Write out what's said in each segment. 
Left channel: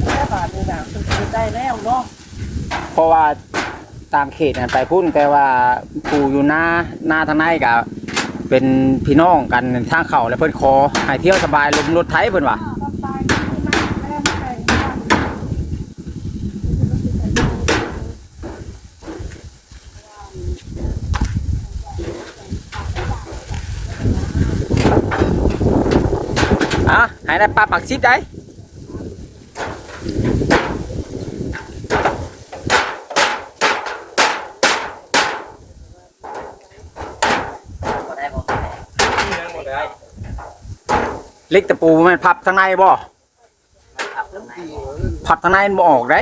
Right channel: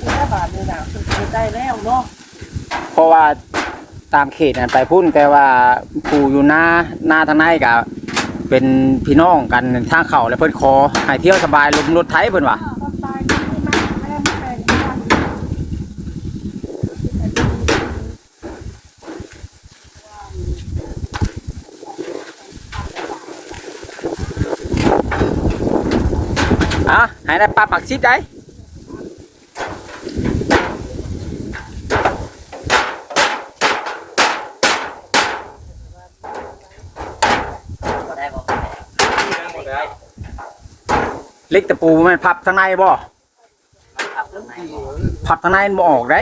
เสื้อบาทนี่นะคือใจแล้วเนาะเพราะว่าตามเขตน่ะไปพุ่นแต่ว่าผู้อยู่หน้าหน้าทางในก็เป็นพี่น้องกันทางเขาแล้วเพิ่นขอให้เที่ยวสบายลมรถไถเพิ่นว่าต้องตายที่ม่แม่ไม่แปลงบ้านอะให้ได้ปลาปักชิดได้ หมดเลย เล็กตะปูมันพับข้างในบ่พับข้างในมันบ่ออกได้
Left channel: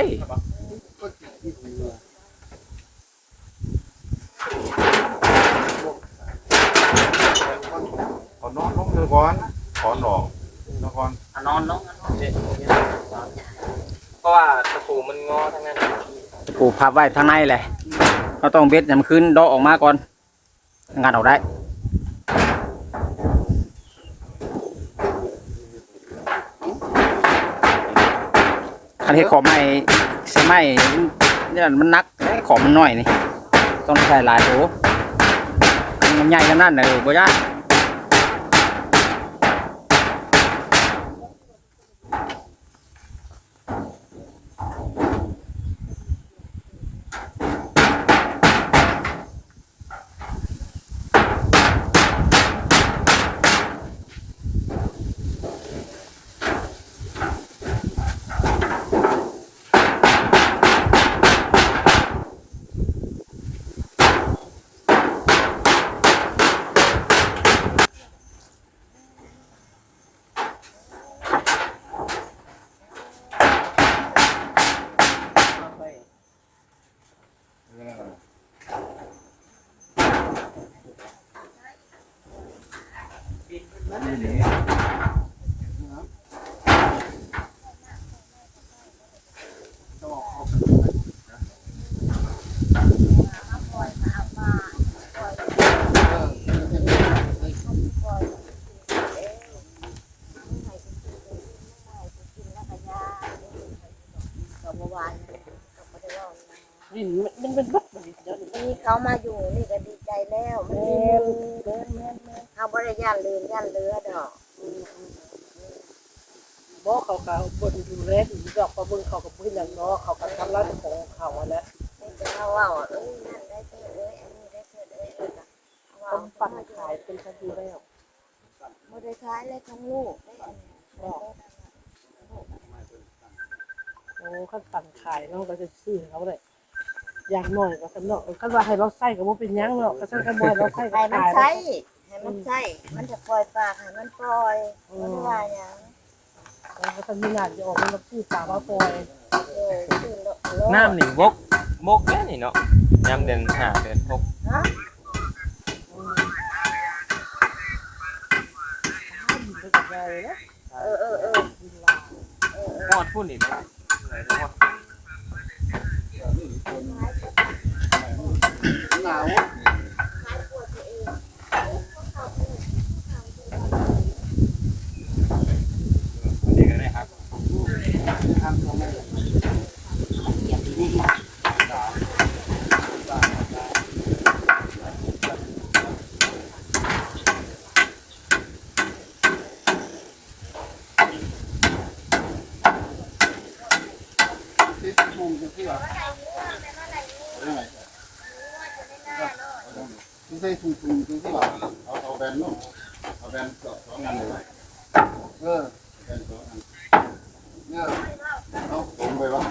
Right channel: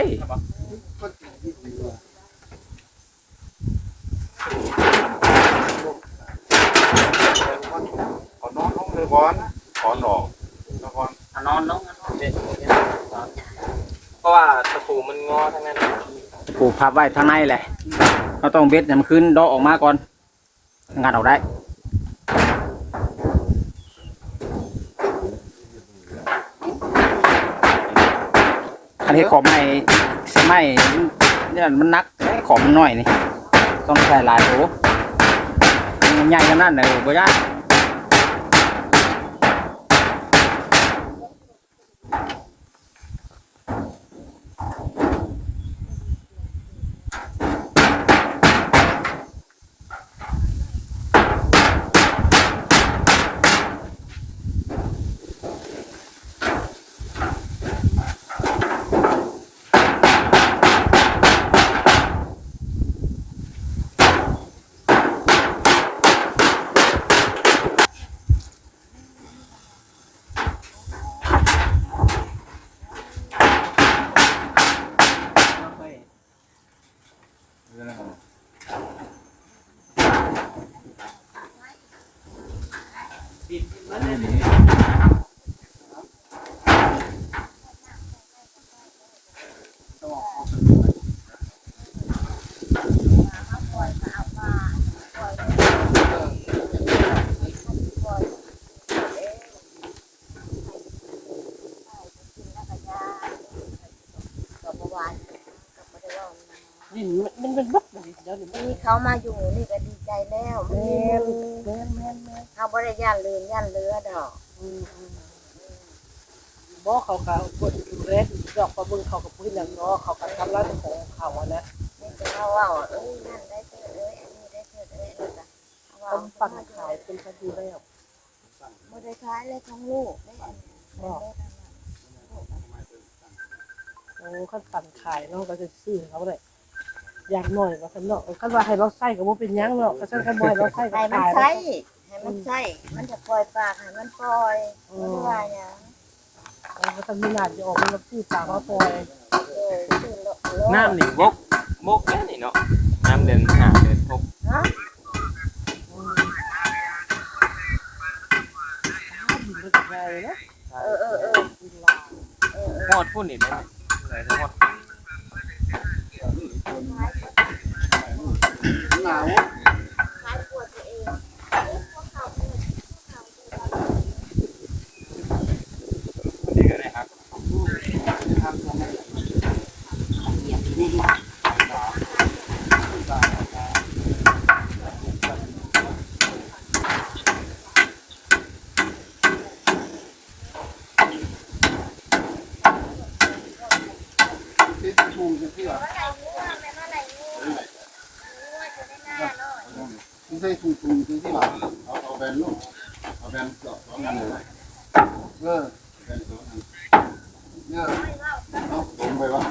ขอนอนลงเลยก่อนขอนดอกนครนอนลงเพราะว่าตะปูมันงอทั้งนั้นตะปูพับไว้ข้างในแหละเราต้องเบ็ดให้มันขึ้นดอกออกมาก่อนงานออกได้ อันนี้ขอมใหม่สมัยเนี่ยมันนักขอมนน้อยนี่ ต้องใช้หลายโถมันใหญ่ขนาดไหนโอ้บ่ยาก ดินมันเป็นบักดินเดี๋ยวนี้มีเขามาอยู่นี่ก็ดีใจแล้วมันมีแม่มือแม่แม่แม่เขาบริย่านลืนย่านเรือดอกบ่เขาเขาบนดูแลดีดอกประเบิ่งเขากับพื้นอย่างเนาะเขาก็ทำร้านของเขาอะนะนี่จะเขาว่าเอ้ยนั่นได้เถิดเอ้ยอันนี้ได้เถิดเอ้ยแล้วก็เขาว่าทำปั่นขายเป็นคดีแล้วบริขายเลยทั้งลูกได้อันนี้ได้ทั้งนั้นลูกอันนี้ โอ้ขั้นปั่นขายเนาะก็จะซื้อเขาเลยอย่างหน่อยก็สำเนาะคันว่าให้เราใส่ก็บ่เป็นหยังเนาะก็ซั่นกันบ่ให้เราใส่ก็ให้มันขายใช้ให้มันใช้มันจะปล่อยปากให้มันปล่อยบ่ได้ว่าหยังโอ้ก็ซั่นมีหน้าที่ออกมาซื้อปลามาปล่อยเออซื้อโลโลน้ำนี่บกบกแค่นี่เนาะน้ำเดินหาเดินบกฮะเออเออเออโคตรพูดนี่เลยเลยทั้ง หมดหนาว ขายปวดตัวเอง อันนี้ก็ได้ครับ ที่ทุ่งที่ว่าที่ใส่ทุ่งทุ่งที่ว่า เอาเอาแบนนู่นเอาแบนสองอันเลยเออแบนสองอันเนี่ยเอาลงไปวะ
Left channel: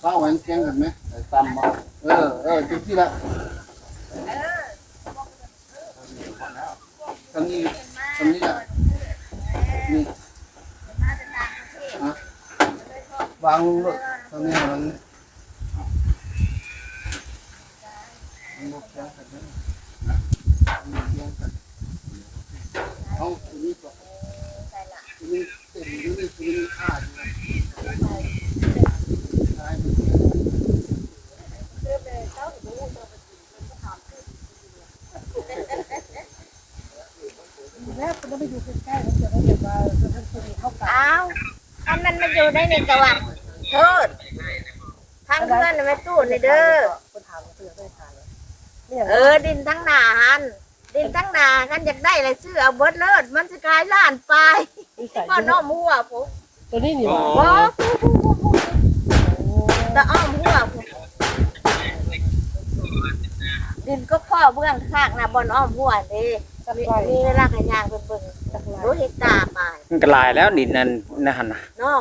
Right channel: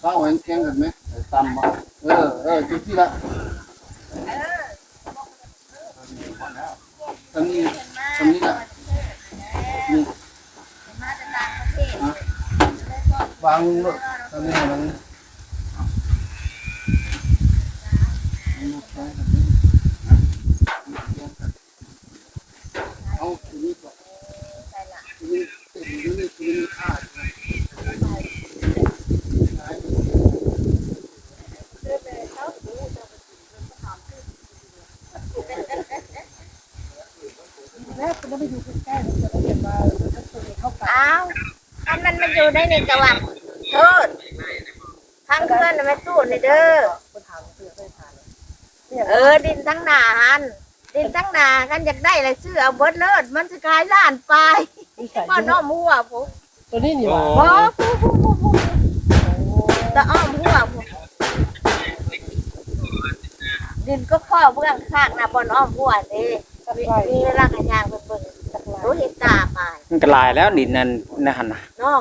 เป้าเห็นแข่งกันไหมไอ้ตำมาเออเออจุดที่ละทำนี้ทำนี้ละนี่วางรถทำนี้มันเอาทีนี้ก็ทีนี้ทีนี้ทีนี้ขาด แล้วคนนั้นไปอยู่ใกล้ๆเขาจะได้เห็นว่าท่านคนนี้เข้ากันอ้าวอันมันไม่มันอยู่ในนี่กะว่าโทษทางเพื่อนน่ะแม่ตู้นี่เด้อคนถามเพื่อนได้ทานเนี่ยเออดินทั้งหนาหันดินทั้งหนากันอยากได้อะไรซื้อเอาเบิดเลิศมันจะขายล้านไป นิสัยพ่อน้อมหัวผมตัวนี้นี่หว่าบ่ผู้ผู้ผู้ผู้ตะอ้อมหัวผมดินก็ข้อเบื้องข้างนะบนอ้อมหัวนี่จักมีไรมีรากกระยางเป็นเบิ่งจักไรรู้เห็นตาไปมันก็หลายแล้วดินนั่นนะหั่นน่ะเนาะ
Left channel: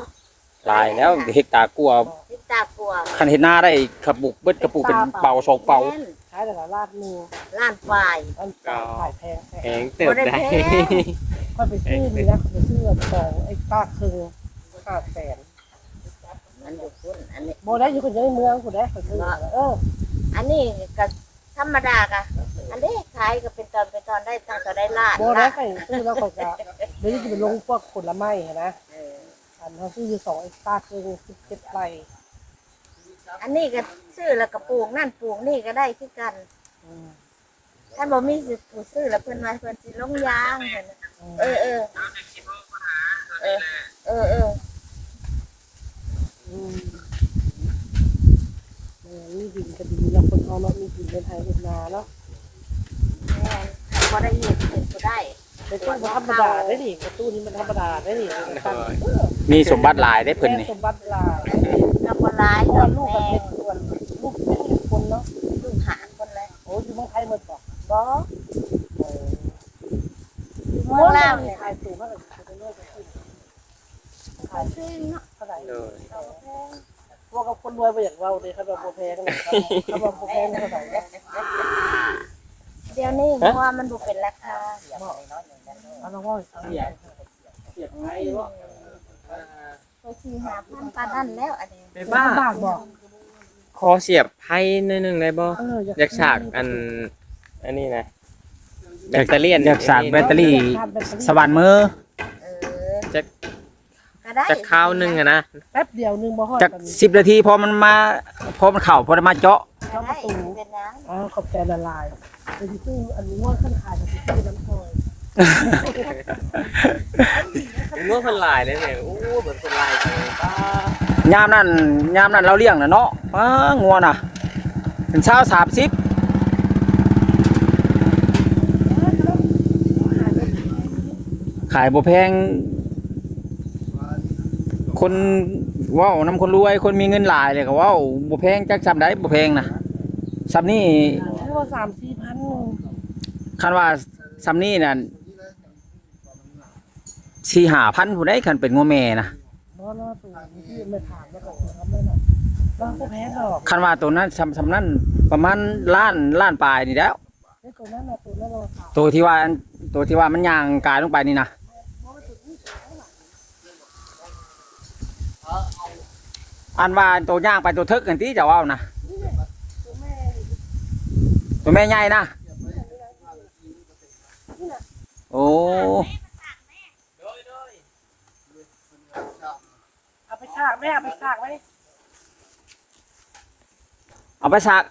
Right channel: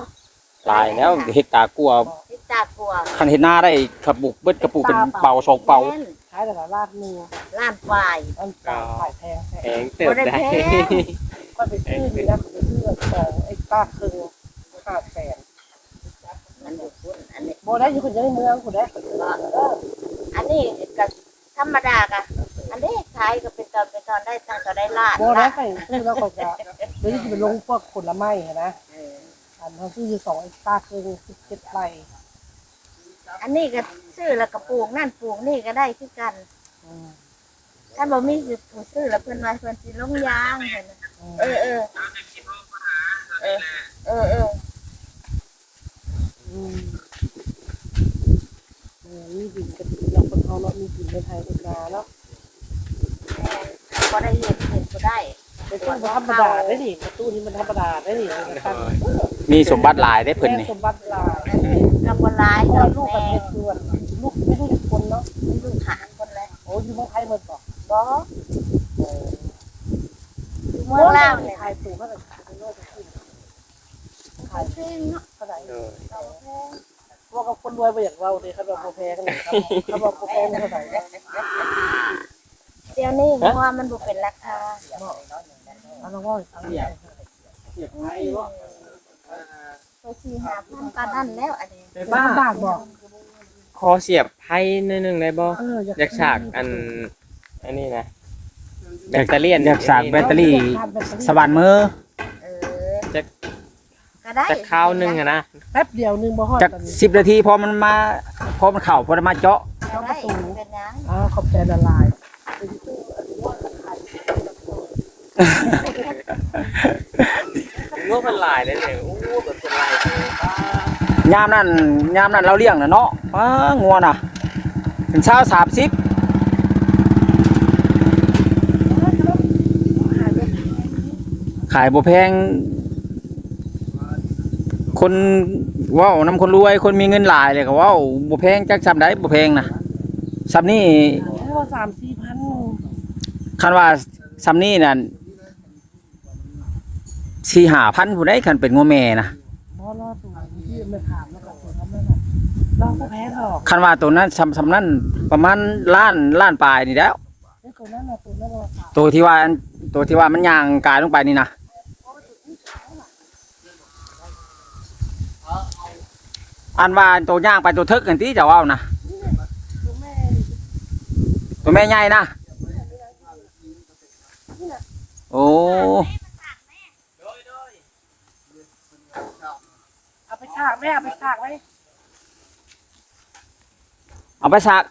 หลายแล้วเฮกตาร์กลัวเห็นตากลัวคันเฮ็ดหน้าได้กระปุกเบิดกระปุกเป็นเป่าสองเป่าแม่นขายแต่ละลาดมือล้านปลายอันตายขายแพงแพแพงงเติบบ่ได้ได้แพงค่อยไปซื้อนี่นะเขาไปซื้อของไอ้ป้าคึงห้าแสนมันอยู่คุณอันนี้ โบได้อยู่คนเดียวในเมืองคนได้คนซื้อเอออันนี้ก็ธรรมดากะอันนี้ขายก็เป็นตอนเป็นตอนได้ตั้งแต่ได้ล้านโบได้ใครซื้อแล้วก็จะเดี๋ยวนี้จะไปลงพวกผลไม้นะเอออันเขาซื้ออยู่สองไอ้ป้าคึงสิบเจ็ดไร่ อันนี้ก็ซื้อแล้วก็ปลูกนั่นปลูกนี่ก็ได้คือกันอืมถ้าบ่มีสิผู้ซื้อแล้วเพิ่นว่าเพิ่นสิลงยางเพิ่นน่ะเออเออเออเออเอออืมเออมีดินก็ดีเราคนเอาเนาะมีดินในไทยเป็นนาเนาะแม่นบ่ได้เฮ็ดเฮ็ดบ่ได้ เป็นตู้ธรรมดาได้ดิประตูนี้มันธรรมดาได้ดิมันตั้งมีสมบัติหลายได้เพิ่นนี่สมบัติลายอันนี้ก็บ่หลายเพดราะอกลูกแม่เป็นเด็กด่วนลูกเป็นเด็กคนเนาะเป็นลูกหาคนเลยโอ้ยอยู่เมืองไทยหมดบอกบ่อยู่เมืองลาวเนี่ยขายสูงเท่าไหร่ขายเป็นโลกขึ้นขายเพลงเนาะเท่าไหร่เอาแพงพวกกับคนรวยไปอย่างเราเลยเขาบอกโบแพงเนี่ยเขาบอกโบแพงเท่าไหร่ เนี่ยเดี๋ยวนี้เพราะว่ามันบ่เป็นราคาเอาละว่าเอาอย่างเสียบไทยว่าตัวสี่หาพันปานนั่นแล้วอันนี้ได้บ้าบ้าบาทบอกขอเสียบไพ่หนิดนึงได้บ่เอออยากฉากอันอันนี้นะแบตเตอรี่อยากสากแบตเตอรี่สว่านมือเออจะก็ได้จะข้าวหนึงอะนะแป๊บเดียวนึงบ่ฮอดจากสิบนาทีพอมันมาพอมันเข่าพอมันมาเจาะก็ได้เป็นหยังอ๋อขอบใจละลายเป็น ตู้อันว่าขั้นขายเป็นตู้น้ำโซ่งวมันหลายเลยเนี่ยโอ้แบบเป็นหลายเลยยามนั้นยามนั้นเราเลี้ยงน่ะเนาะอ้างัวน่ะเป็นเช้าสามสิบขายบ่แพง คนว้านํคนรวยคนมีเงินหลายเลยก็ว้าบ่แพงจักซำได้บ่แพงนะซำนี่ว่าสามสี่ คันว่าซำนี้นั่นสี่ห้าพันผู้ใดคันเป็นงัวแม่นะบ่รอตัวที่ไม่ถามแล้วก็ทำนั่นน่ะเราก็แพ้หรอกคันว่าตัวนั้นซำซำนั้นประมาณล้านล้านปลายนี่แล้วไอ้ตัวนั้นน่ะตัวนั้นราคาตัวที่ว่าอันตัวที่ว่ามันย่างกายลงไปนี่นะอันว่าตัวย่างไปตัวทึกกันที่จะว่านะตัวแม่ใหญ่นะ โอ้เอาไปฉากไหมเอาไปฉากไหมเอาไปสัก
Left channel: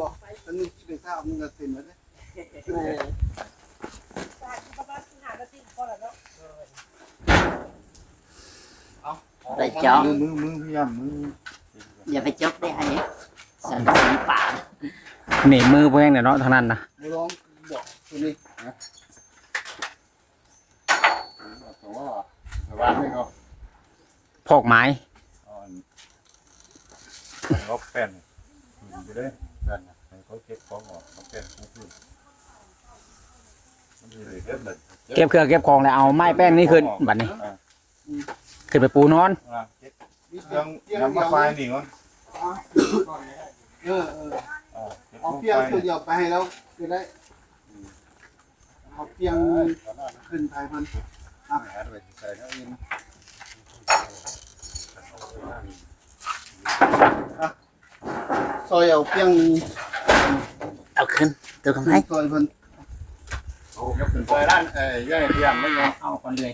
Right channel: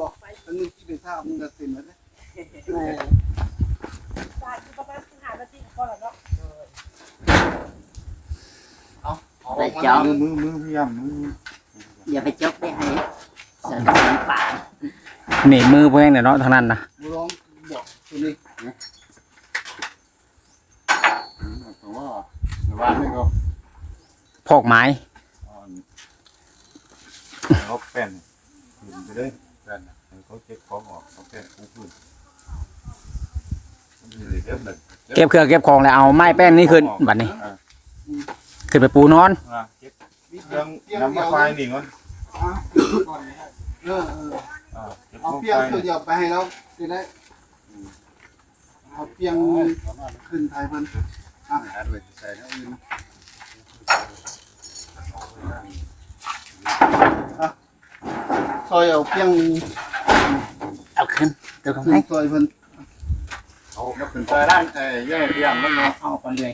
บอกมันมีที่ไปทราบมันจะเต็มแล้วนะฉากอยู่ประมาณสิบห้านาทีก็แล้วเนาะไปจอมมือมือพยายามมืออย่าไปจกได้ให้เสริมเสริมป่าห นีบมือเพื่อนเนี่ยเนาะทางนั้นนะมือลองบอกตัวนี้นะแต่ว่าแต่ว่าไม่ก็พอกไม้อ่อนเขาแป้นหินไปเลยแป้นนะให้เขาเก็บของออกเขาแป้นปูพื้นมันมีเลยเก็บเลยเก็บเครื่องเก็บของแล้วเอาไม้แป้นนี่ขึ้นบัดนี้อ่าขึ้นไปปูนอน อ่าเก็บเครื่องน้ำมะไฟนี่ก่อนเออเอออ่า เก็บเอามะเปียงไฟตัวเดียวไปให้แล้วจะได้เอาเปียงขึ้นไทยพันอ่าหาด้วยใส่แล้วอื่นนะซอยเอาเปียงเอาขึ้นตัวของขึ้นให้ซอยเพันเอาเก็บเป็นซอยด้านเอ้ยแย่เรียงแล้วเนาะเอาคนเลย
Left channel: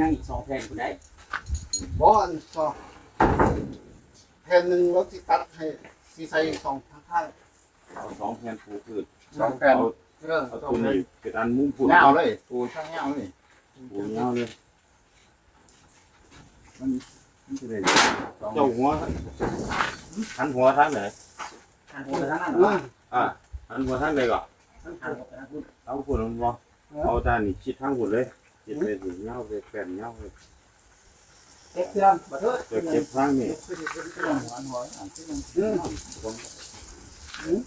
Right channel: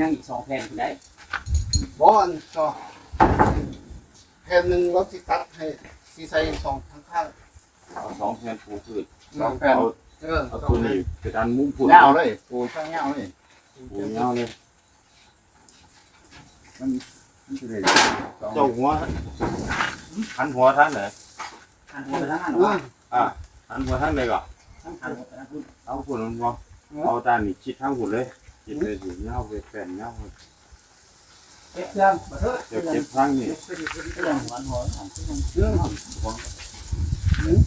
ยังอีกสองแผ่นคุณได้บอนก็แผ่นหนึ่งเราสิตัดให้สีใส่สองทั้งข้างเอาสองแผ่นปูพืชสองแผ่นเอาเออเอาตัวนี้ไปดันมุ้งปูเงาเลยปูช่างเงาเลยปูเงาเลยมันมันจะได้สองเจ้าหัวหันหัวทางไหนหันหัวไปทางนั้นเอเหรออหันหัวทางไหนก่อนหันหัวไปทางนู้นเอาฝุ่นมันบ่เอาด้านนี้ชิดทางฝุ่นเลย ชิดเลยถึงเงาไปแผ่นเงาเลยเก็บเครื่องมาเถอะเก็บเก็บทางนี้เครื่องหัวหัวหันเครื่องเออ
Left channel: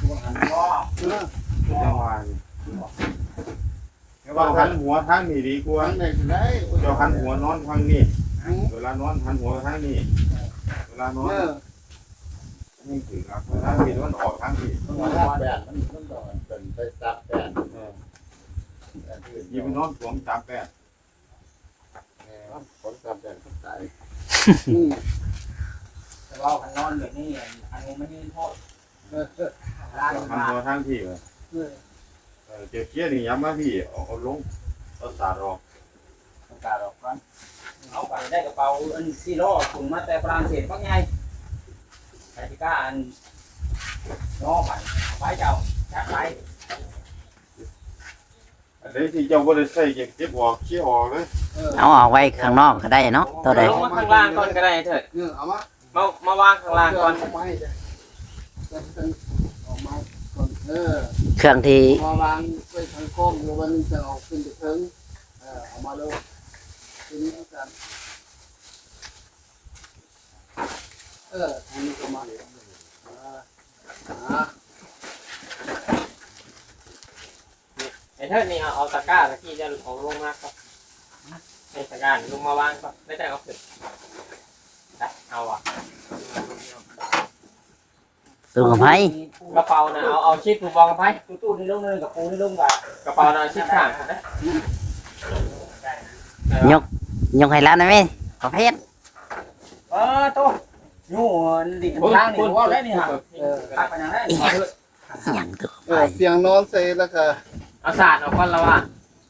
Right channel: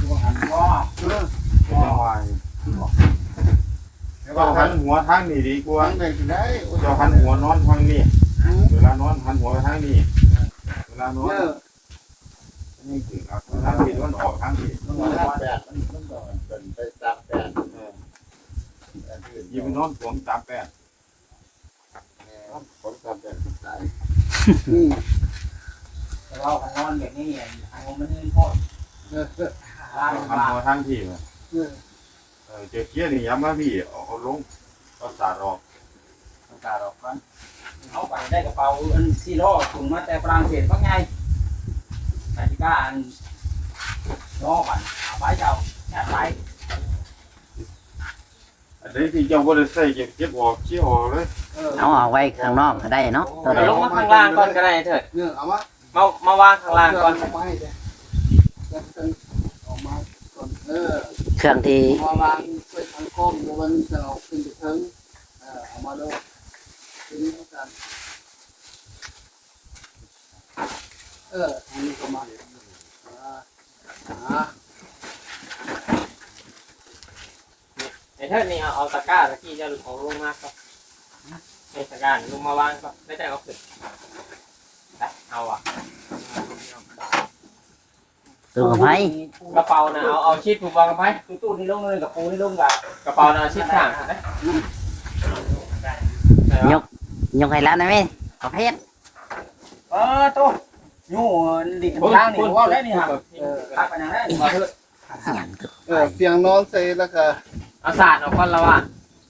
ตัวหันล้อเออเจ้าว่าเจ้าหันหัวทางนี้ดีกว่าทางไหนก็ได้เจ้าหันหัวนอนทางนี้เวลานอนหันหัวไปทางนี้เวลานอนเออนี่ถึงครับทางนี้มันออกทางนี้มันมาแปดมันมันดอนเป็นไปตัดแปด ยิงนอนสวมตามแปดผลตัดแปดตายอืมแต่ว่าหันนอนแบบนี้หันหัวมันนี่พอเออเออลานหันมาหัวทางที่เออเออเจ้าเกี้ยนี่ย้ำมาพี่เอาเอาลงเอาสาดออกโอกาสออกก่อนเอาไปได้กระเป๋าอันซีโร่ถุงมาแต่ฝรั่งเศสพักไงไปที่บ้านน้องมันเอาไปเจ้าจัดไป อันนี้ที่เจ้าบ่ได้ใส่เก็บเก็บออกเขี้ยวออกเลยเออเอาเอาไว้ข้างนอกก็ได้เนาะตัวใดลงมาข้างล่างก่อนก็ได้เออเอามามามาวางข้างล่างก่อนเอมาให้เด้อเออเออเอามาก่อนเออเครื่องที่มาวางไปทางกล้องดูมันจะออกขึ้นไปถึงเออเอามาดูทีนี้กันเออทางนี้ก็มาเลยอ่าอ่า ไอ้เทิดนี่เอาเอาตะกร้าตะกี้จะเอาลงมาครับไอ้ตะกร้านี่ลงมาวางก่อนไม่ได้เอาขึ้นนะเอาอะตู้กับไผกระเป๋านะเอาเอาชิดผูกวางกับไพ่ตู้ตู้นี่ลงเลยกับปูนี่ลงกับกระเป๋านะเอาชิดข้างนะยกให้แล้วนะแม่ประเภทเออตัวอยู่ดิข้างล่างนี่ว่าได้นี่ฮะเออตักไปอย่างนั้นมาเถอะหยังตัวเออเตียงนอนใส่แล้วก็ เอาสาดเอาก่อนละว่ะ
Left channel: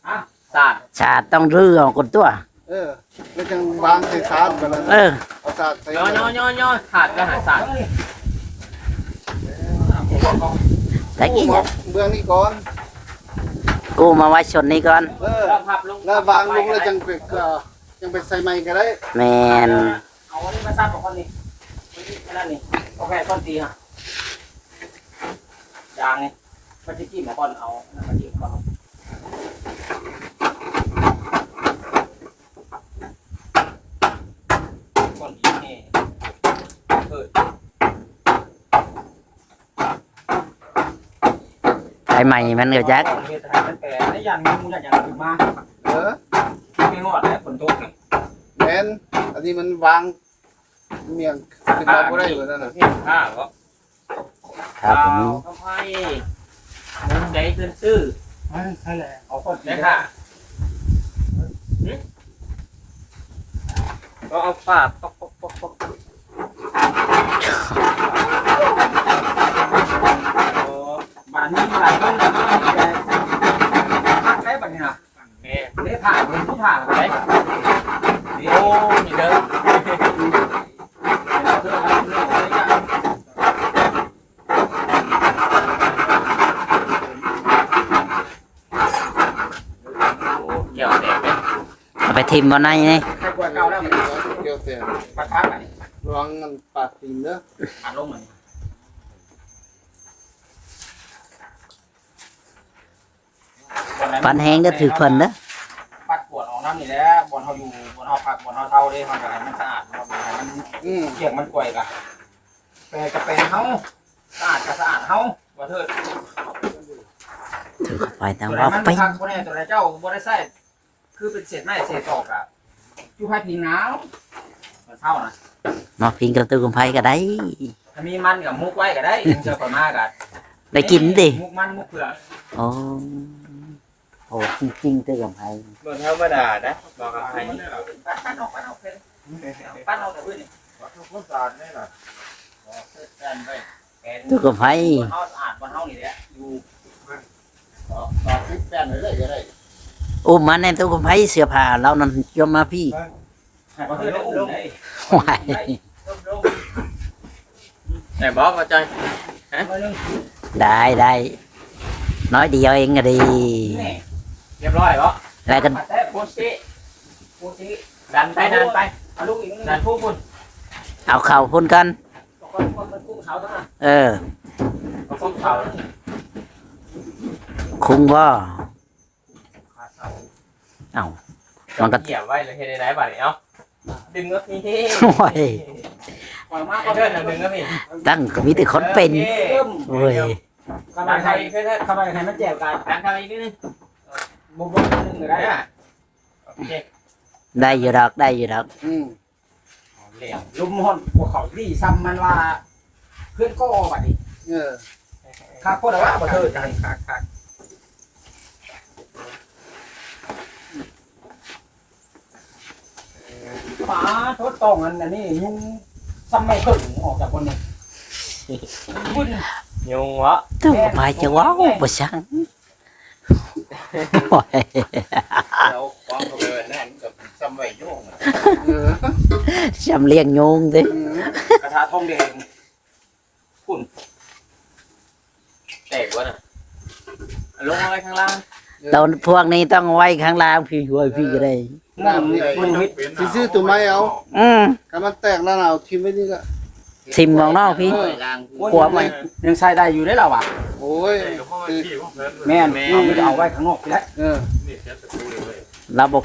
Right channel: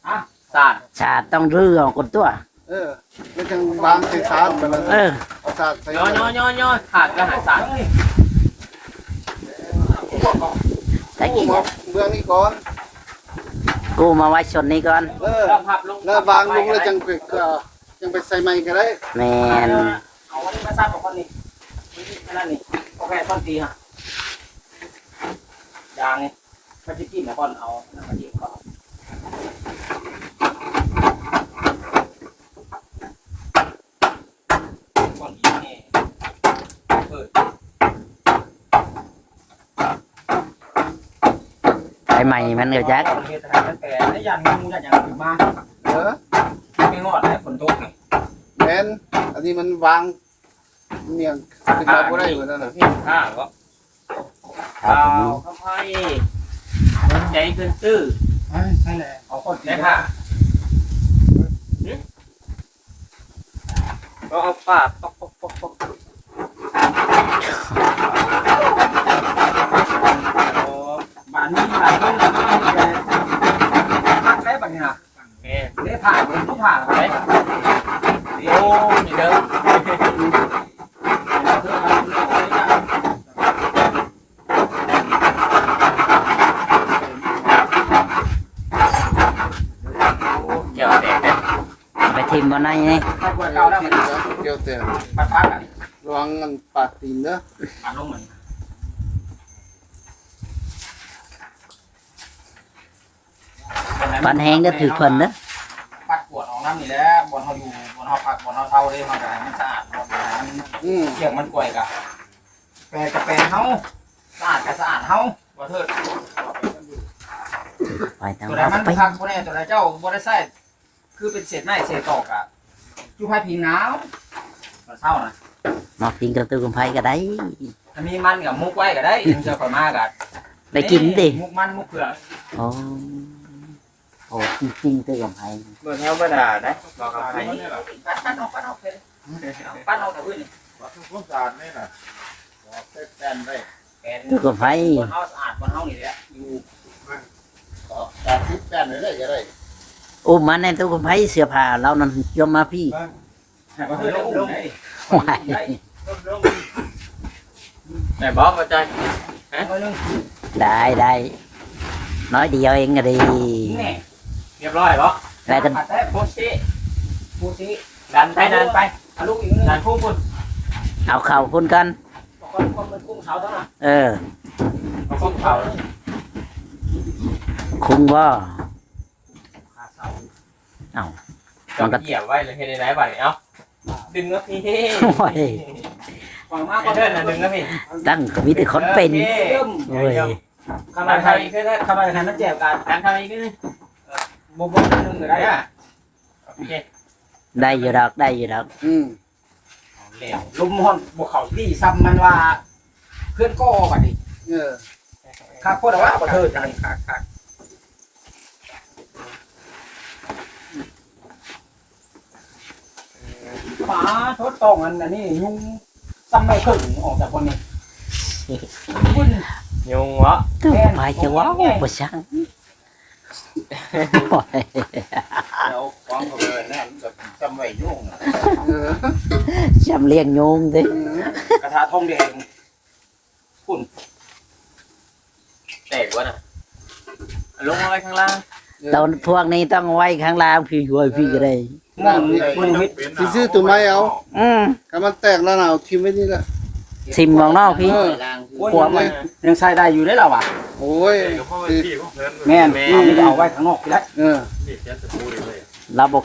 อะสาดชาต้องรื้อเอาคนตัว เออแล้วจังวางใส่ขากันแล้วเออ เอากาศใส่ย่อย่อย่อย่อขาดก็หาสาดตะกี้เบื้องนี้ก่อน กูมาไว้ชนนี้ก่อน เออ แล้วพับลงแล้ววางลงแล้วจังไปก็จังไปใส่ไม้ก็ได้แมนเอาอันนี้มาซับกับคนนี้อันนั้นนี่โอเคคนตีฮะยางนี่ มันจะกินกับคนเอานะมันยิงเขาคนยิงนี่เปิดไอ้ใหม่มันก็จักเฮ็ดให้มันแปลได้ยันงูยันอย่างอื่นมาเออไม่งอดให้ฝนตกนี่แม่นอันนี้มันวางเมียงขึ้นมาบ่ได้เหมือนนั้นน่ะข้าวก็ครับเอาผมเข้าไปใจขึ้นตื้อใช่แหละเอาคนตีนะค่ะก็เอาปาดปอกปอกปอกปอกบ้านนี้บ้านนี้พักได้บัดนี้ฮะแม่เลี้ยผ่าเลยทุกผ่าไปโอ้ยเด้อเกี่ยวแตกเลย เอา ไปทิมบนในนี่ถ้าปวดเก่าแล้วเกี่ยวแต่ปัดพักอันนี้ระวังมันปาดตีนเด้อปัดลงเหมือนปันแห้งได้ถือเพิ่นเด้อปัดปวดออกน้ำนี่แหละบนเขาอยู่บนเขาพักบนเขาเท่าเลยเขาจะให้มันสะอาดบนให้มันเกี่ยงมันกล้วยกะแปรกับแปรเฮาสะอาดกับสะอาดเฮาบ่เถิดไปตามตัวไหนมันไปพักตัวไหนตัวไหนเจ้าบ่ได้ใส่ คือเป็นเศษไม้เศษตอกอะอยู่ภายพิงหนาวมันเศร้านะมากินกับตู้กับไผก็ได้ ถ้ามีมันกับมุกไว้ก็ได้ยังเชื่อข่อยมากอะได้กินดิมุกมันมุกเผือกโอ้โอ้จริงๆตู้กับไผเมื่อเท่าบรรดาได้บอกกับใครปัดปัดออกปัดออกเลยปัดออกแต่อื่นนี่ผู้สารนี่น่ะแอนไปแกตู้กับไผบนเฮาสะอาดบนเฮานี่แหละอยู่ต่อต่อคลิปแป้นเลยได้ก็ได้ อุ้มมาในตู้กับไผเสื้อผ้าเรานั่นยอมมาพี่ให้บ่เฮ็ดลงได้ว้ายแต่บอกว่าใจได้ได้น้อยเดียวเองก็ดีนี่เรียบร้อยบ่แล้วกันแต่โพสซี่โพสซี่ดันไปดันไปเอาลูกอีกนึงดันพุ่งพุ่นเอาเข่าพุ่นกันคนคนมันกุ้งเสาทั้งนั้นเออเอาพุ่งเขาคุงบ่ขาเสา เอ้าจอดเหยียบไว้เลยเฮ็ดได้ไหนบ้างเอ้าดึงก็พี่โอ้ยปล่อยมาไอ้ก็เทิร์นน่ะดึงก็พี่ตั้งมีแต่คนเป็นโอคเริ่มโอ้ยข้างในดันใครเข้าอีกขึ้นนะข้างในใครมันแจวกันดันเข้าอีกขึ้นนะบ่บ่นึงก็ได้ได้อะโอเคได้อยู่ดอกได้อยู่ดอกอืมเหลี่ยมลุมฮอนพวกเขาที่ซ้ำมันว่าเพื่อนก็บัดนี้เออข้าโคตรว่าบ่เถิดกันคักคัก ฝาทดตองอันอันนี้ยุงซ้ำไม่ครึ่งออกจากคนนี้วุ่น ยุงวะตู้กับไผจะว้าวบ่ช่างโอ้ยเดี๋ยววางเข้าไปไว้นั่นก็จำไว้โยุ่งอะเออจำเลี้ยงยุงดิอืมกระทะทองแดงแตกวะน่ะลงมาไว้ข้างล่าง ตอนพวกนี้ต้องไว้ข้างล่างพี่ช่วยพี่ก็ได้มึงมึงเฮ็ดสิซื้อตัวไม้เอาอืมถ้ามันแตกแล้วน่ะเอาทิ่มไว้นี่แหละทิมมองนอกพี่เออขวดมันยังใช้ได้อยู่ได้แล้วอะโอ้ยสิแม่นเอาไม่ได้เอาไว้ข้างนอกไปแล้วเออเราบ่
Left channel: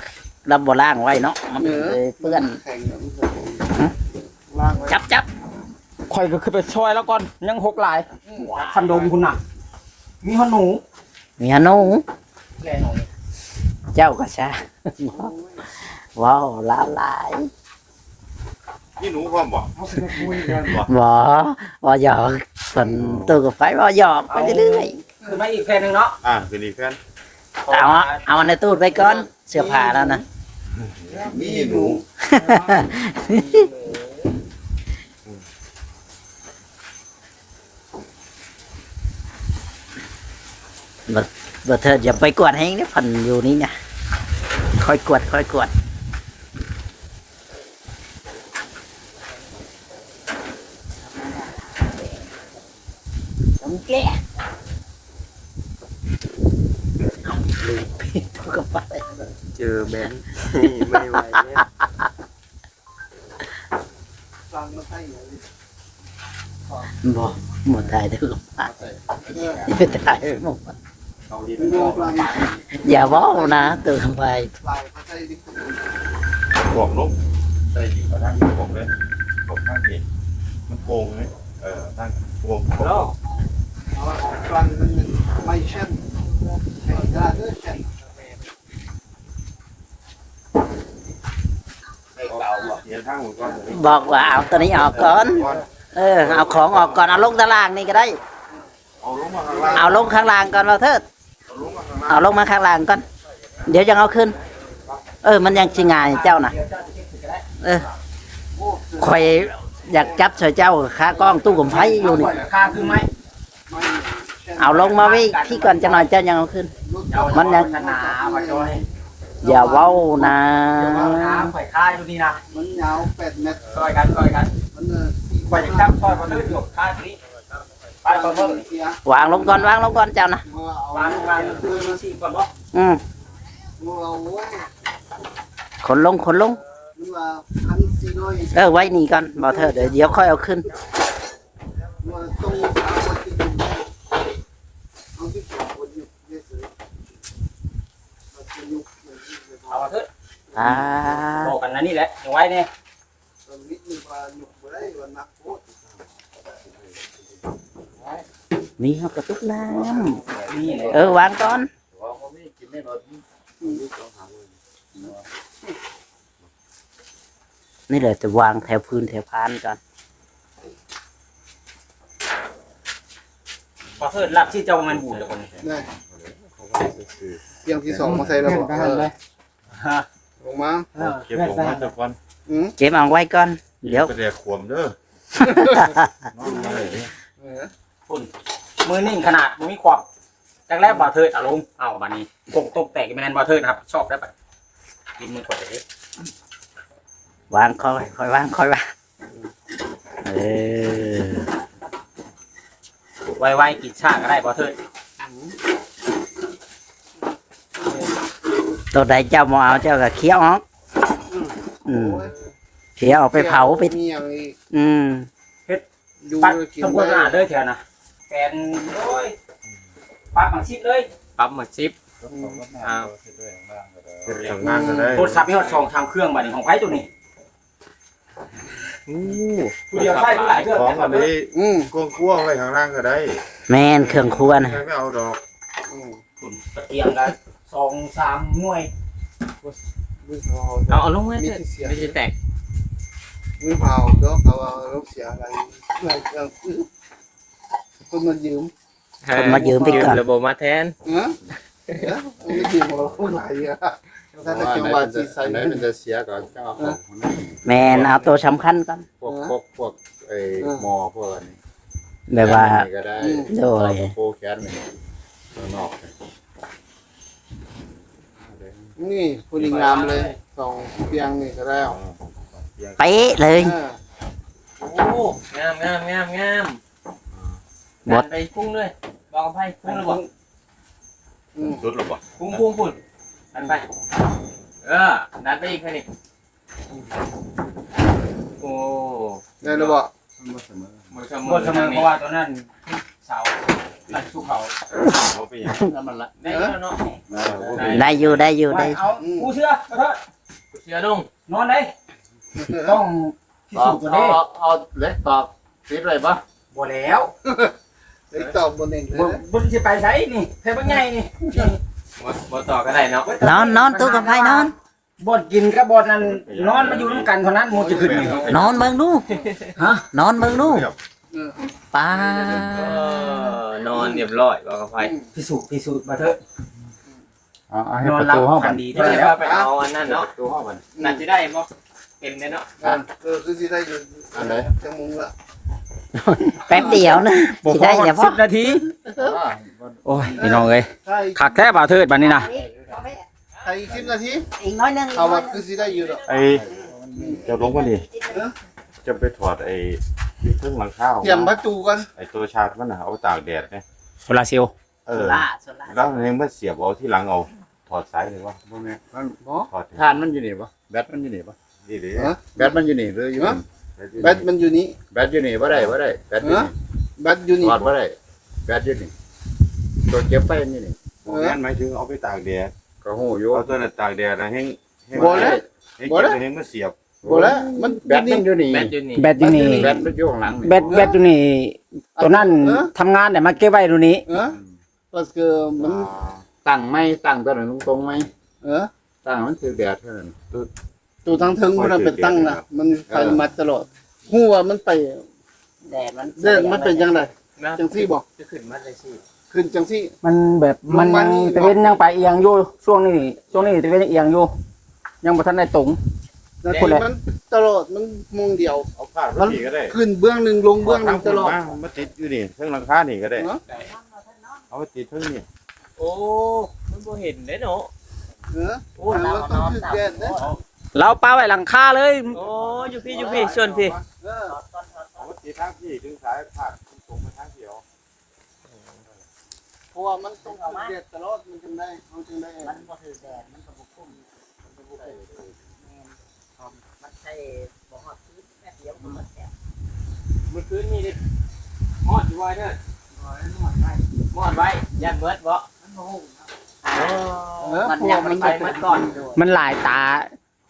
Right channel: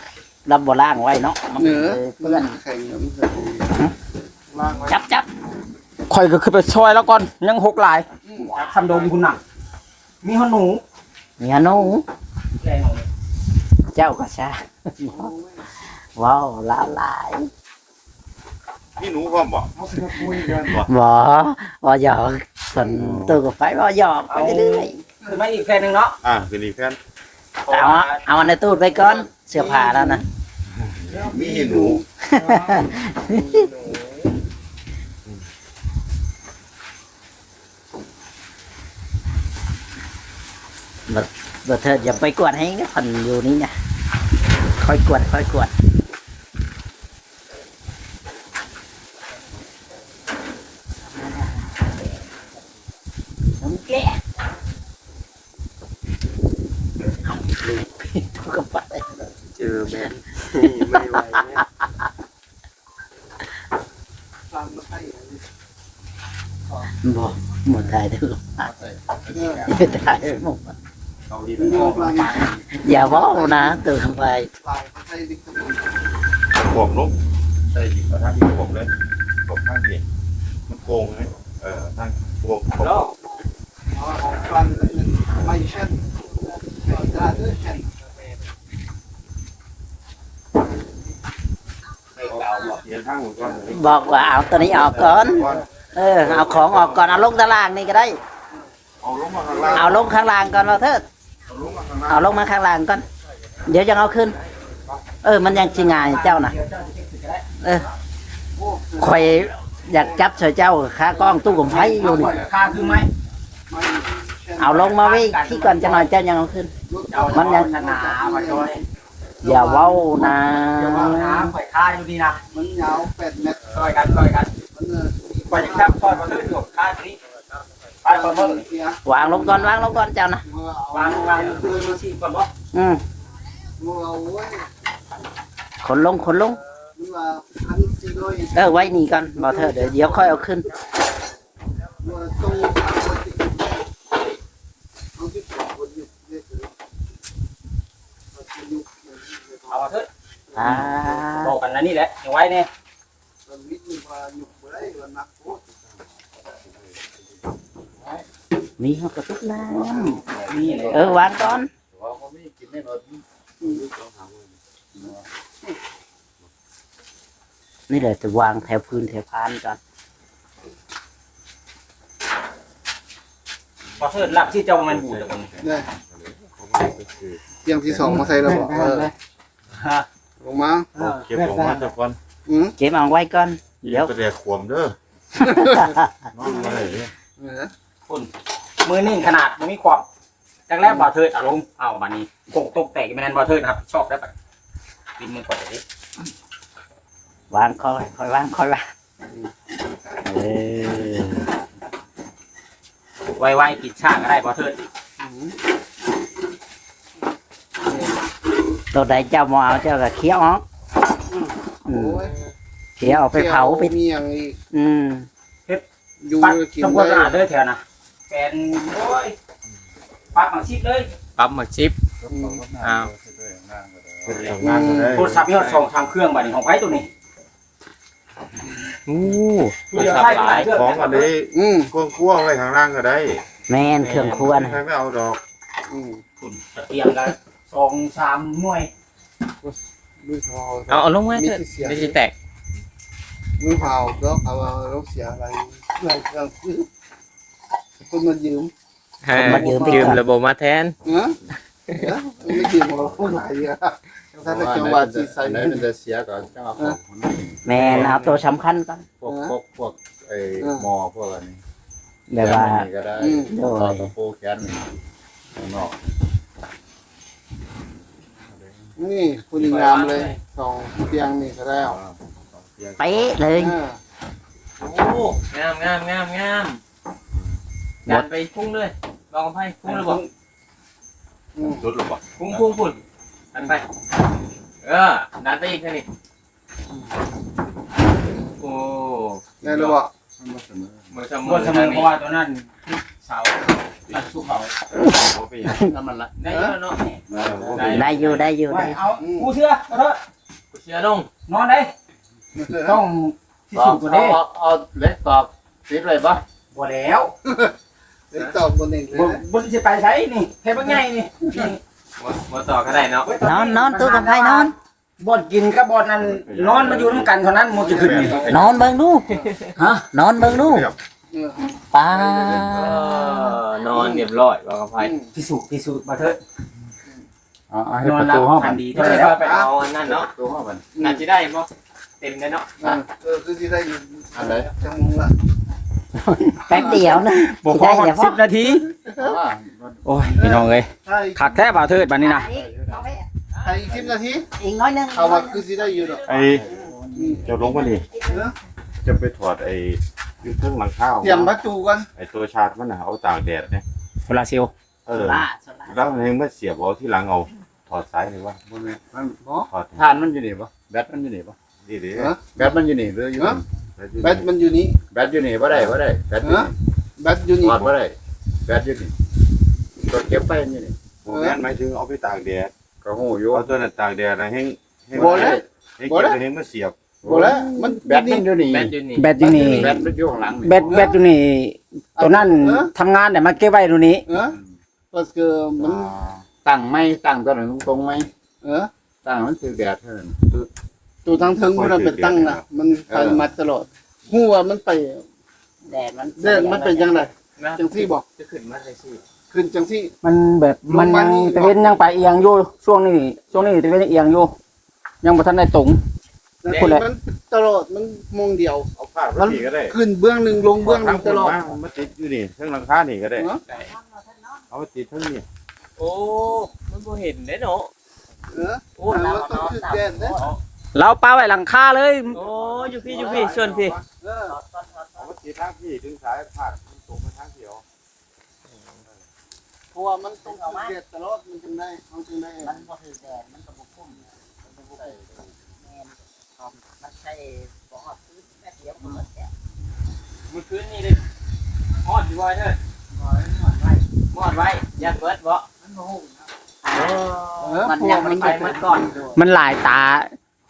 เราบ่ล้างไว้เนาะมันเออเลยเปื้อนแข็งเดี๋ยวมันจะล้างไว้จับจับข่อยก็คือไปช่วยแล้วก่อนยังหกหลายคันโดมคุณน่ะมีหนูเมียหนู แกหนูเจ้าก็ซะว้าวหลายหลายพี่หนูพร้อมบอกบ่บ่หยอกส่วนตัวกับไฟบ่หยอกไปเรื่อยคือมาอีกแค่นึงเนาะอ่าคือดีแค่นๆเอาเอาอันในตู้ไปก่อนเสื้อผ้าแล้วนะมีหนู บ่เถิดอย่าไปกวดให้เนี่ยผ่อนอยู่นี่เนี่ยค่อยกวดค่อยกวดผมแก่เอาลูกตู้กับไฟเจอแบนไม่ไหวล้างมาให้เลยบ่หมดตายเด้อเออไม่ตายหมดเอาดีพี่หนูล้างมาอย่าเว้านะตัวกับไฟล้างมาให้ดิขวบลูกใช่ยิงกระทั่งที่ขวบเลยขวบข้างดีมันโกงไหมเออตั้งโกงแล้วเอาเอากลั่นกันไม่เช่นได้เลยเช่นเย็นทั้งหมดก่อนบอกว่าเอาตัวนี้ออกก่อน เออ เอาของออกก่อน เอาลงตารางนี่ก็ได้ เอาลงมาข้างล่างเอาลงข้างล่างก่อนเราเถิด เอาลงมาข้างล่างก่อน เดี๋ยวจะเอาขึ้น เออ มันยังสิงายเจ้าน่ะ เออคอยอยากจับเฉยเจ้าค้ากล้องตู้กับไฟอยู่นี่เอาลงมาไว้ที่ก่อนจะหน่อยเจ้ายังเอาขึ้น มันยังอย่าเว้านะน้ำข่อยค่าอยู่นี่นะมันยาวแปดเมตรซอยกันซอยกันมันเอยจับซอยมันเลยจบค่านี้ไปก่อนเบิ่งเสีย วางลงก่อนวางลงก่อนเจ้านะวางวางดูมันสิก่อนบ่อืมมัวโว้ยขนลงขนลงมันว่าพันสี่ร้อยเออไว้นี่ก่อนบอกเธอเดี๋ยวเดี๋ยวค่อยเอาขึ้นมัวต้องเอาที่ปวดปวดอยู่เลยเอาที่อยู่เอาเถอะอ่าบอกกันนะนี่แหละเอาไว้เนี่ย ตอนนี้มันพาอยู่บ่ได้ก็นักโทษ นี่เขากระตุกน้นี่แหละำเออวางก่อนนี่เลยจะวางแถวพื้นแถวพานก่อนพอเถิดลักที่เจ้ามันบูดแล้วคนได้เตรียมที่สองมาใส่แล้วบอกเออลงมาเก็บลงมาจากก่อนอืมเก็บเอาไว้ก่อนเดี๋ยวไปแดกขวมเด้อนอนมาเลยเเออคุณ มือนิ่งขนาดมือมีความจากแรกบ่าวเทิดอารมณ์เอาบัดนี้กงตกแตกแมนบ่าวเทิดนะครับ ชอบได้ปะปินมือก่อนเลยวางค่อยค่อยวางค่อยวางเออไวๆกินชาก็ได้บ่าวเทิดตัวใดเจ้าบ่เอาเจ้าก็เคี้ยวออกอืมโอ้ยเคี้ยวเอาไปเผาไป มีอย่างอีกอืม อยู่ปัดกินทำความได้สะอาดเลยแถวนะ แฟนโอ้ยปักหมักชิปเลยปั๊บหมดชิปอ้าวทำงานก็ได้โทรศัพท์ยอดสองทางเครื่องบัดนี้ของไผตัวนี้อู้ผู้เดียวใช้ผู้หลายเครื่องของอันนี้อืมกวงคั่วไว้ข้างล่างก็ได้แม่นเครื่องครัวนะใครไม่เอาดอกอืมคุณตะเกียงกันสองสามหน่วยมือเผาเอาเอาลงไว้มีเถอะที่เสียไม่ใช่แตกมือเผาแล้วเขาเอารถเสียอะไรอะไรเอาซื้อ คนมายืมมายืมไปก่อนระบบมาแทนเออเออไม่ยืมเราคนไหนอะถ้าในจังหวัดที่ใส่ ไหนเงินมันจะเสียก่อนก็เอาของของนั่นแม่นเอาตัวสำคัญก่อนพวกพวกพวกไอ้หมอพวกอันนี้แบบว่า แขนนี่ก็ได้โดยโปแขนนี่ข้างนอกนี่ผู้ดีงามเลยสองเตียงนี่ก็ได้อ่าเตียงเป๊ะเลยเออโอ้งามงามงามงาม ดันไปพุ่งเลยลองไพ่พุ่งเลยบอกอืมรุดหรือเปล่าพุ่งพุ่งพุ่งดันไป เออดันไปอีกแค่นี้โอ้ได้หรือเปล่ามันบ่เสมอหมดเสมบนเสมอเพราะว่าตัวนั้นเสาตัดสู้เขาเอาไปน้ำมันละได้แล้วเนาะได้ได้อยู่ได้อยู่ไปได้เอาผู้เชื่อเอาเถอะเชียร์ลงนอนได้ต้องพิเอาสูจน์ตัวนี้เอาเอาเล็กตอบติดเลยปะบ่แล้ว เล็กตอบบนเองเลยบ่นะบ่สิไปไสนี่เทปใหญ่นี่หมดหมดต่อก็ได้เนาะนอนนอนตัวกับไผนอนบ่อนกินกับบ่อนนั้นนอนมาอยู่นำกันเท่านั้นหมดจะขึ้นนี่นอนเบิ่งดูฮะนอนเบิ่งดูเออป้าเออนอนเรียบร้อยบอกกับไพ่พิสูจน์พิสูจน์มาเถอะเอาเอาให้นอนประรับตูห้องกักันนดีก็เท่าเลยแล้วพาไปเอาอันนั้นเนาะประตูห้องกันน่าจะได้มั้งเต็มเลยเนาะเออเออคือที่ได้อยู่อันไหนจังมุงละ แป๊บเดียวนะบ่สิพอได้อย่าพอ10นาทีเอาว่าโอ้ยพี่น้องเอ้ยใช่คักแท้บ่าวเทิดบัดนี้นะใครอีกสิบนาทีอีกน้อยนึงเขาว่าคือที่ได้อยู่หรอกไอ้จะลงมาดิจะไปถอดไอ้อยูเทิงหลังข้าวเตรียมพักจูกันไอ้ตัวชาร์จมันน่ะเอาตากแดดเนี่ยโซลาเซลล์เออแล้วมันยังไม่เสียบเอาที่หลังเอาถอดสายเลยวะบ่แม่นมันบ่ถอดทานมันอยู่นี่ปะแบตมันอยู่นี่ปะดีดีฮะแบตมันอยู่นี่หรืออยู่นี่ แบตมันอยู่นี้ แบตอยู่นี่บ่ได้บ่ได้แบตอยู่นี่แบตอยู่นี่ถอดบ่ได้แบตอยู่นี่ตัวเก็บไฟมันอยู่นี่ผมแม่นหมายถึงเอาไปตากแดดก็ฮู้อยู่เอาตัวนั้นตากแดดนะให้ให้บ่แล้วให้เก็บไปให้มันเสียบบ่แล้วมันแบตมันอยู่นี่แบตอยู่นี่แบตอยู่นี่แบตมันอยู่ข้างหลังนี่แบตแบตอยู่นี่ตัวนั้นทำงานแต่มาเก็บไว้ตรงนี้เออก็คือมันตั้งไหมตั้งตัวนั้นตรงๆไหมเออตั้งมันคือแบตเท่านั้น ตัวทางถึงมันเป็นตั้งนะมันไปมาตลอดหัวมันไปแดดมันเดินมันเป็นยังไงนะจังซี่บอกจะขึ้นมาเลยสิขึ้นจังซี่ มันแบบมันลงมายังนี่ตะเวนยังไปเอียงอยู่ช่วงนี้ช่วงนี้ตะเวนเอียงอยู่ยังบ่ทันได้ตรงพูดแหละมันตลอดมันมงเดียวเอาผ้าไปสีก็ได้ขึ้นเบื้องหนึ่งลงเบื้องหนึ่งตลอดมาติดอยู่นี่เทิงหลังคานี่ก็ได้เนาะเอาไปติดเทิงนี่โอ้มันบ่เห็นเด้เนาะเออโอ้เราต้องขึ้นแดดนะ เราปาไว้หลังคาเลย โอ้อยู่พี่อยู่พี่ชวนพี่เออเอาไปติดทางที่ดึงสายผ้าตรงไปทางเดียวเพราะว่ามันต้องขึ้นแดดตลอดมันจึงได้เอาจึงได้มันบ่ถือแดดมันก็บ่คุ้มมันบ่คุ้มแม่นครับมันใช่บ่ฮอดซื้อแป๊บเดียวมันก็แตกเมื่อคืนนี่ดิฮอดอยู่ไว้เด้อฮอดไว้ยันเบิดบ่มันบ่ฮู้โอ้เออมันเพราะยัว่างมันไม่ไปเก็บมันก่อนโดยมันหลายตา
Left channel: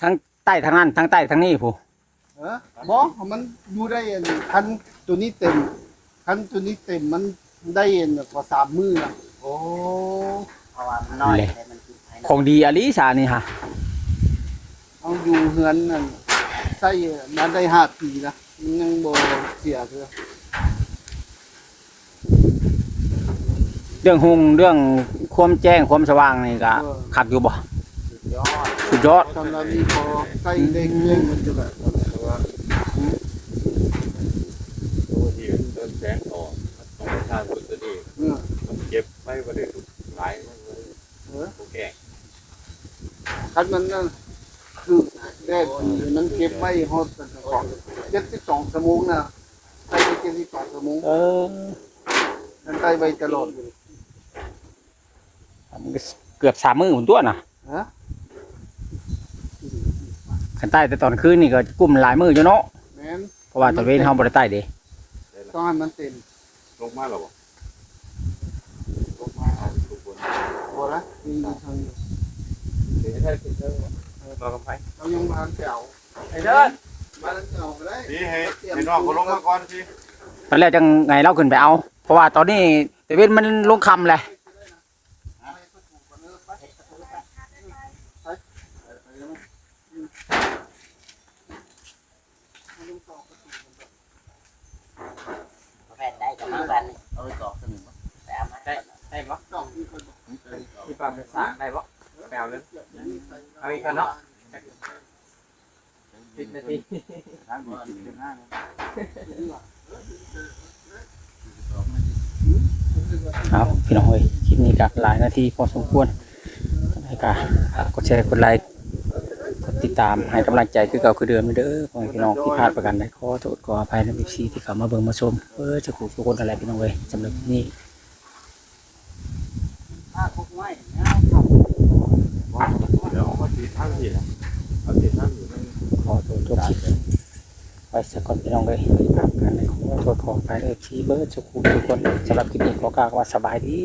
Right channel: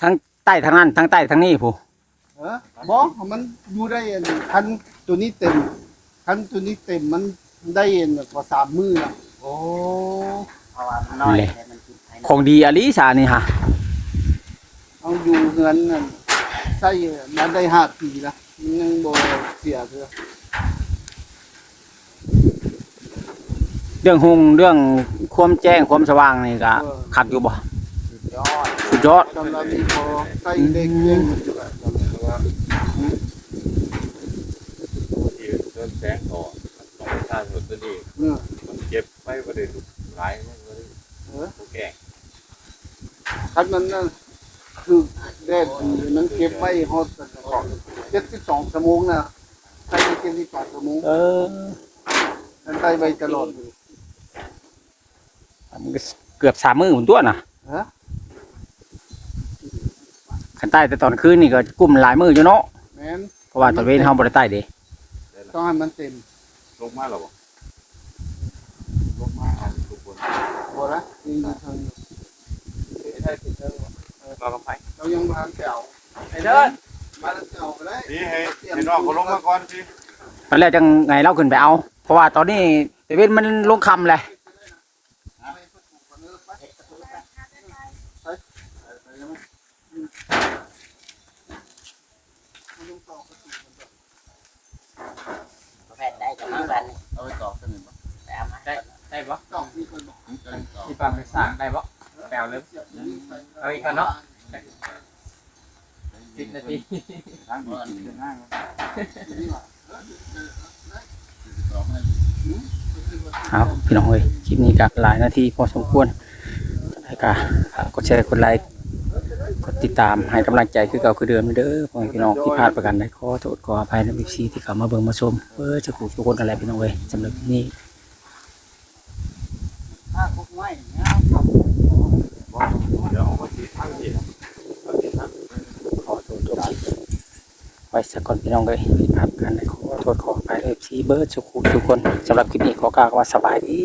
ทั้งใต้ทั้งนั้นทั้งใต้ทั้งนี้ผู้เออบอกมันอยู่ได้อันคันตัวนี้เต็มคันตัวนี้เต็มมันได้อันกว่าสามมือนะโอ้เพราะว่ามันน้อยแต่มันกินไปของดีอลิสานี่ฮะเอาอยู่เฮือนนั่นใส่มาได้ห้าปีนะมันยังบ่เสียเถอะเรื่องหงเรื่องความแจ้งความสว่างนี่ก็คักอยู่บ่สุด ยอดตอนเรานี้พอใส่ได้เรื่องมันจะได้เพราะว่าตัวที่เดินแสงต่อชาติตัวเองเออมันเก็บไว้ประเดี๋ยวหลายมันเลยเออโอเคคันมันน่ะคือแดดดีมันเก็บไว้ฮอดกันก่อน72ชั่วโมงนะใส่ไป72ชั่วโมงเออมันใส่ไว้ตลอดมันก็เกือบสามมื้อผมตัวน่ะฮะ ขันใต้แต่ตอนคืนนี่ก็กุ้มหลายมื้ออยู่เนาะแม่นเพราะว่าตอนเว้นเฮาบ่ได้ใต้เด้ต้องให้มันเต็มลงมาหรอบ่ลงมาเอาทุกคนบ่ละยังอยู่ทางอยู่ไอ้เทิดขึ้นเทิดเราลงไปเรายังมาแก้วไอ้เทิดมาแก้วไปได้พี่ให้ให้น้องเขาลงมาก่อนพี่ตอนแรกจังไงเราขึ้นไปเอา เพราะว่าตอนนี้ตะเว้นมันลงค่ำแหละ แฟนได้กับมันกัน เอาไปตอกกันนี่ แต่เอามา ได้ได้ปะ ตอกที่คน บอกที่ปังไปสางได้ปะแปลวเลยเอาอีกคนเนาะสิบนาทีทางนี้กินกันห้างเอาพี่น้องเอ้ยคลิปนี้ก็หลายนาทีพอสมควรแล้วก็ฝากกดแชร์กดไลค์กดติดตามให้กำลังใจคือเก่าคือเดิมเด้อพ่อแม่พี่น้องที่พลาดประกันใดขอโทษขออภัยในบิ๊ซีที่เข้ามาเบิ่งมาชมเออจะขู่ทุกคนอะไรพี่น้องเอ้ยสำหรับคลิปนี้ ถ้าพวกไม้เนี่ย เดี๋ยวเอามาตีทางนี้เอาตีทางนี้ ขอโทษทุกคลิปไว้ สักก่อนพี่น้องเลยครับการขอโทษขอไปเอฟซีเบิร์ดสุขุทุกคนสำหรับคลิปนี้ขอกล่าวว่าสบายดี